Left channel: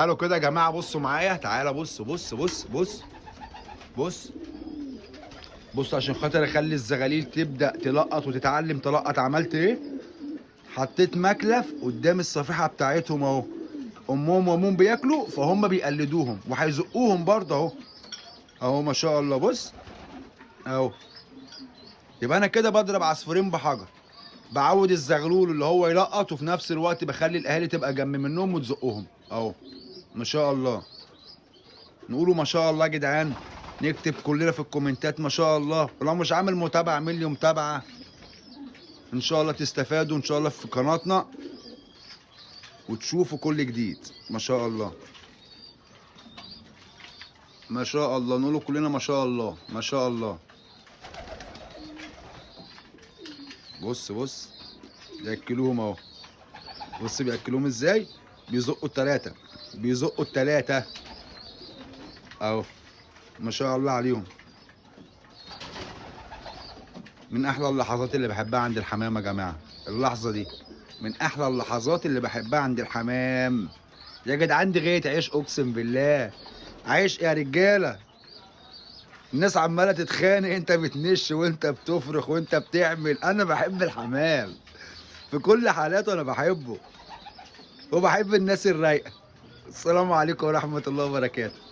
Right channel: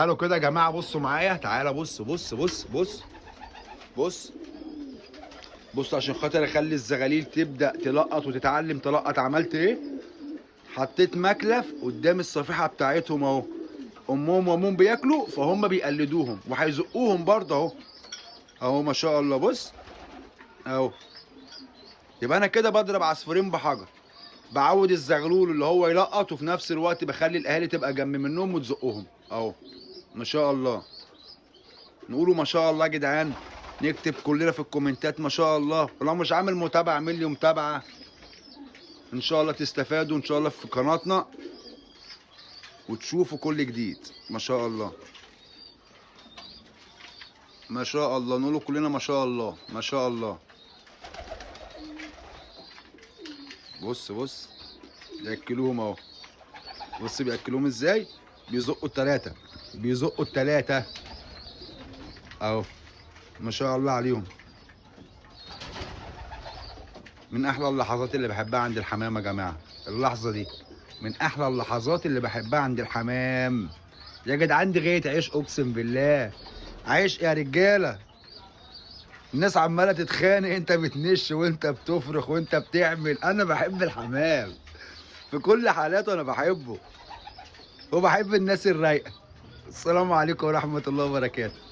تعالوا كده يا جماعه، بصوا معايا. تعالى بص بص بص بص بص بص، عشان خاطر اخلي الزغاليل تبدا تلقط وتتعلم تلقط. عملت ايه؟ حطيت مكلف قدام الصفيحه بتاعتهم اهو. امهم وامهم بياكلوا فهم بيقلدوهم وهيزقوهم برضه اهو. اهو ما شاء الله. بص اهو. يبقى انا كده بضرب عصفورين بحجر، بعود الزغلول اللي هو يلقط، وفي نفس الوقت بخلي الاهالي تبقى جنب منهم وتزقهم اهو. ما شاء الله. نقولوا ما شاء الله يا جدعان. نكتب كلنا في الكومنتات ما شاء الله. ولو مش عامل متابعه اعمل لي متابعه، ان شاء الله تستفادوا ان شاء الله في قناتنا وتشوفوا كل جديد. ما شاء الله ما شاء الله. نقولوا كلنا ما شاء الله ما شاء الله. بص بص بياكلوهم اهو. بص بياكلوهم ازاي. بيزقوا التلاتة، بيزقوا التلاتة اهو. ما شاء الله عليهم. من احلى اللحظات اللي بحبها عند الحمام يا جماعه، اللحظه دي من احلى اللحظات اللي بحبها عند الحمام. يا جدعان دي غايه عيش، اقسم بالله عيش يا رجاله. الناس عماله تتخانق، انت بتنش وانت بتفرخ وانت بتعمل. انا بحب الحمام في كل حالاته، انا بحبه وبحب الناس الرايقه. السلام عليكم ورحمه الله وبركاته.